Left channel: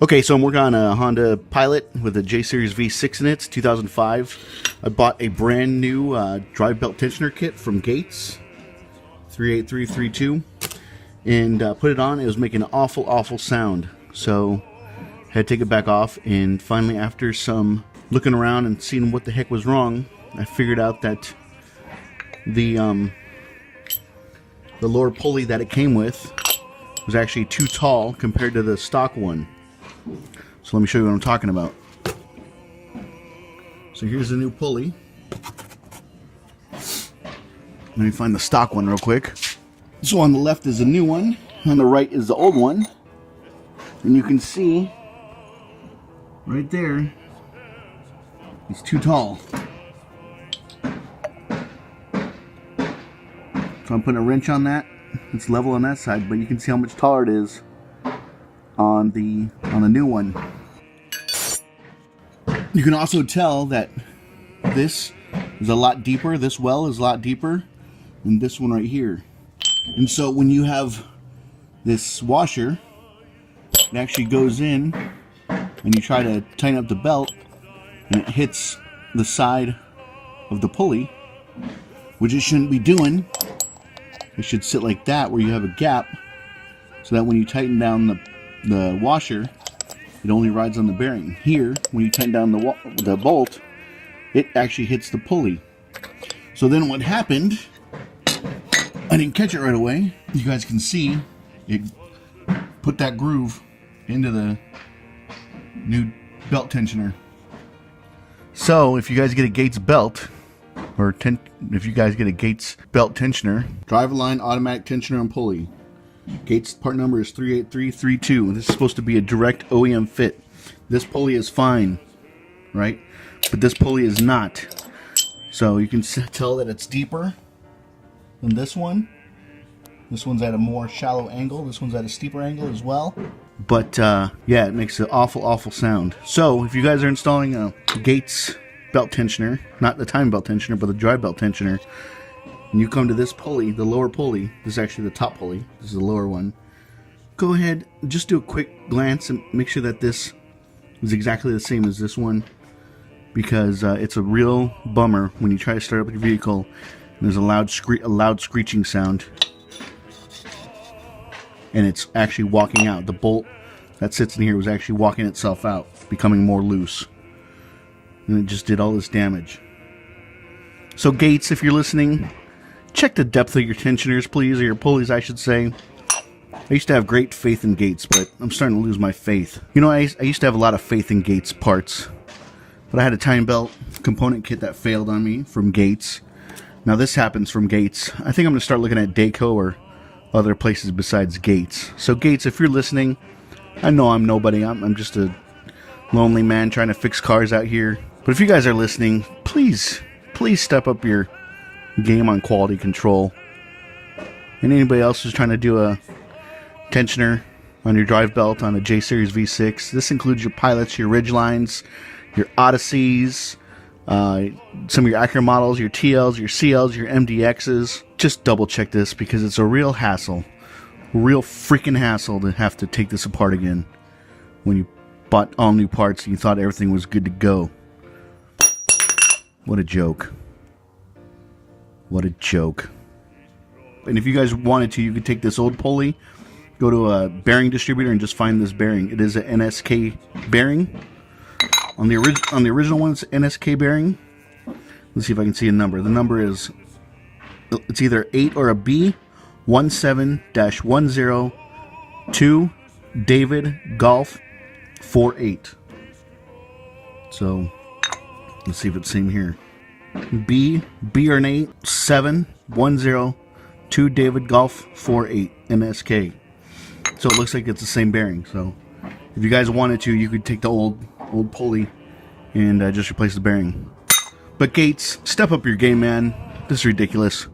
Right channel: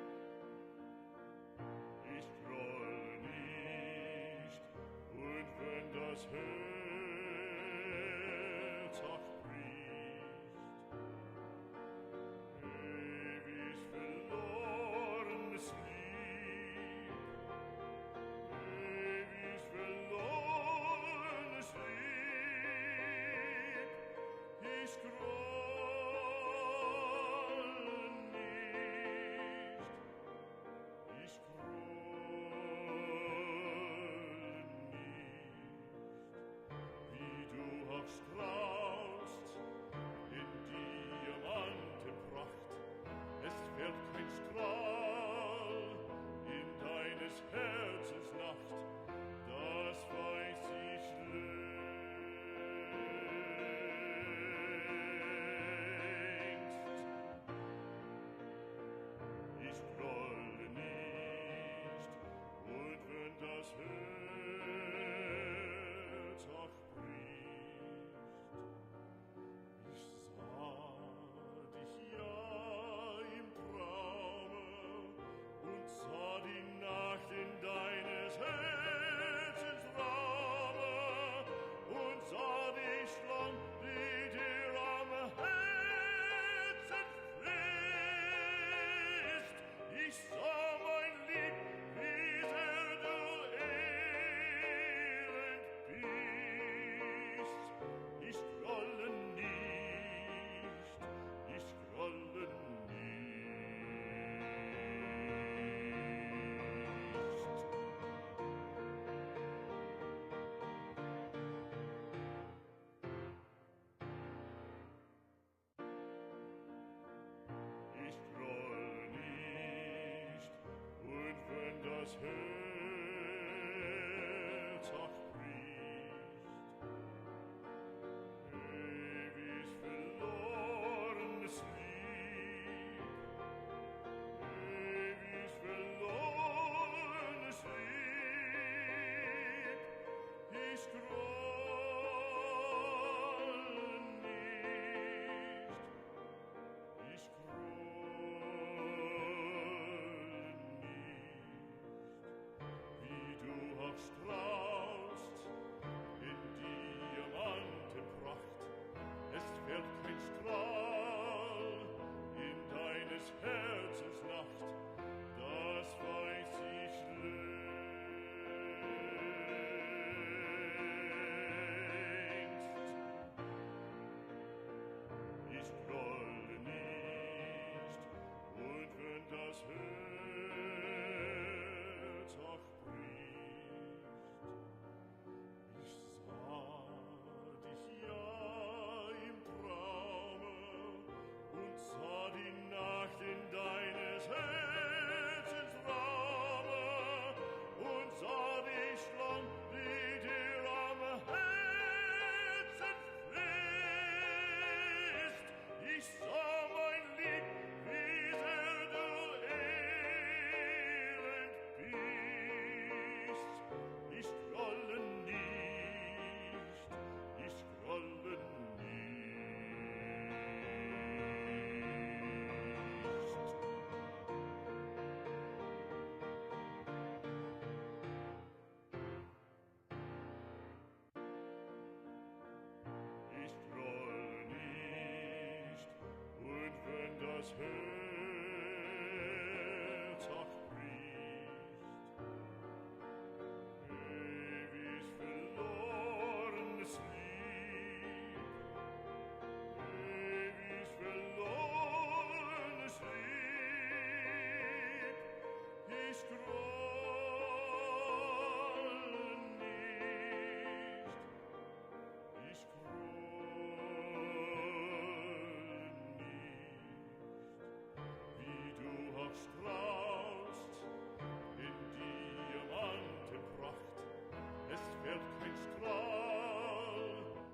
Okay, so I'm working on a Honda Pilot with a J Series V6 in it. It's 2005. I bought a brand new drive belt tensioner kit from Gates, 38332, and put it on. It was making an awful sound. So I had to take it back off, and finally, after some looking around and seeing what the heck was wrong, I figured out that the lower pulley that it came with was actually too tall compared to the stock one. So let me show you what I'm talking about. So here's the new pulley. Let me find the stock one real quick. So on the left is the new one, on the right is the old one. And you can see right there, it's too tall. So I'm putting a wrench on that. It's level on that side, but you can see how much taller it is on the new one. You can also tell that this is a lot deeper. This well is a lot deeper than this one right here. And so when you have this washer, it actually goes in and you try to tighten up the belt, and it hits the side of the pulley, which it shouldn't be doing. It should sit like that, where you have a gap, so that when you tighten down the washer, it only rides on the bearing. Here, when you tighten down the bolt, it actually hits the pulley. So then what happened, I didn't catch it right away. You guys can see it put that groove into the new belt tensioner. So if you guys get a Gates belt, or if you guys get a Gates belt tensioner, drive line automatic tensioner and pulley. Gates part number is 38332. This is supposed to be a direct OEM fit. This pulley is fine, right? But this pulley is not. So you can tell that it's deeper than this one. This one's at a more shallow angle. This one's at a steeper angle as well. But yeah, it makes an awful sound. So if you guys are installing a Gates belt tensioner, not the time belt tensioner, but the drive belt tensioner, and you come to this pulley, the lower pulley, this is actually the top pulley, this is the lower one, go ahead, just do a quick glance and make sure that this is exactly the same as this one, because it's a real bummer when you try to start up your vehicle and there's a loud screeching sound, and it's actually walking out. The bolt that sits in here was actually walking itself out, becoming more loose, and it just did all this damage. So Gates, if you're listening, check the depth of your tensioners, please, or your pulleys, I should say. I used to have great faith in Gates, but I'm starting to lose my faith. You know, I used to have a lot of faith in Gates parts, but I had a time belt component kit that failed on me from Gates. Now this happens from Gates. I think I'm going to start looking at Dayco or other places besides Gates. So Gates, if you're listening, I know I'm nobody. I'm just a lonely man trying to fix cars out here. But if you guys are listening, please step up your game on quality control. And anybody else who's trying to do a tensioner on your drive belt on a J Series V6, this includes your Pilots, your Ridgelines, your Odysseys, some of your Acura models, your TLs, your CLs, your MDXs. Just double check this, because it's a real hassle, real freaking hassle to have to take this apart again when you bought all new parts and you thought everything was good to go. What a joke. What a joke. And if you guys wanted to, you could take this old pulley, go to a bearing distributor, and just find this bearing. It is an NSK bearing. On the original one, it's NSK bearing. Let's see if I can see a number. The number is, it's either 8 or a B, 17-102 David Golf 48. So let's see if it's same here. B or an 8, 7102 David Golf 48 NSK. So it looks like it's the same bearing. So if you guys wanted to, you could take the old pulley and just replace the bearing. But Gates, step up your game, man. This is ridiculous.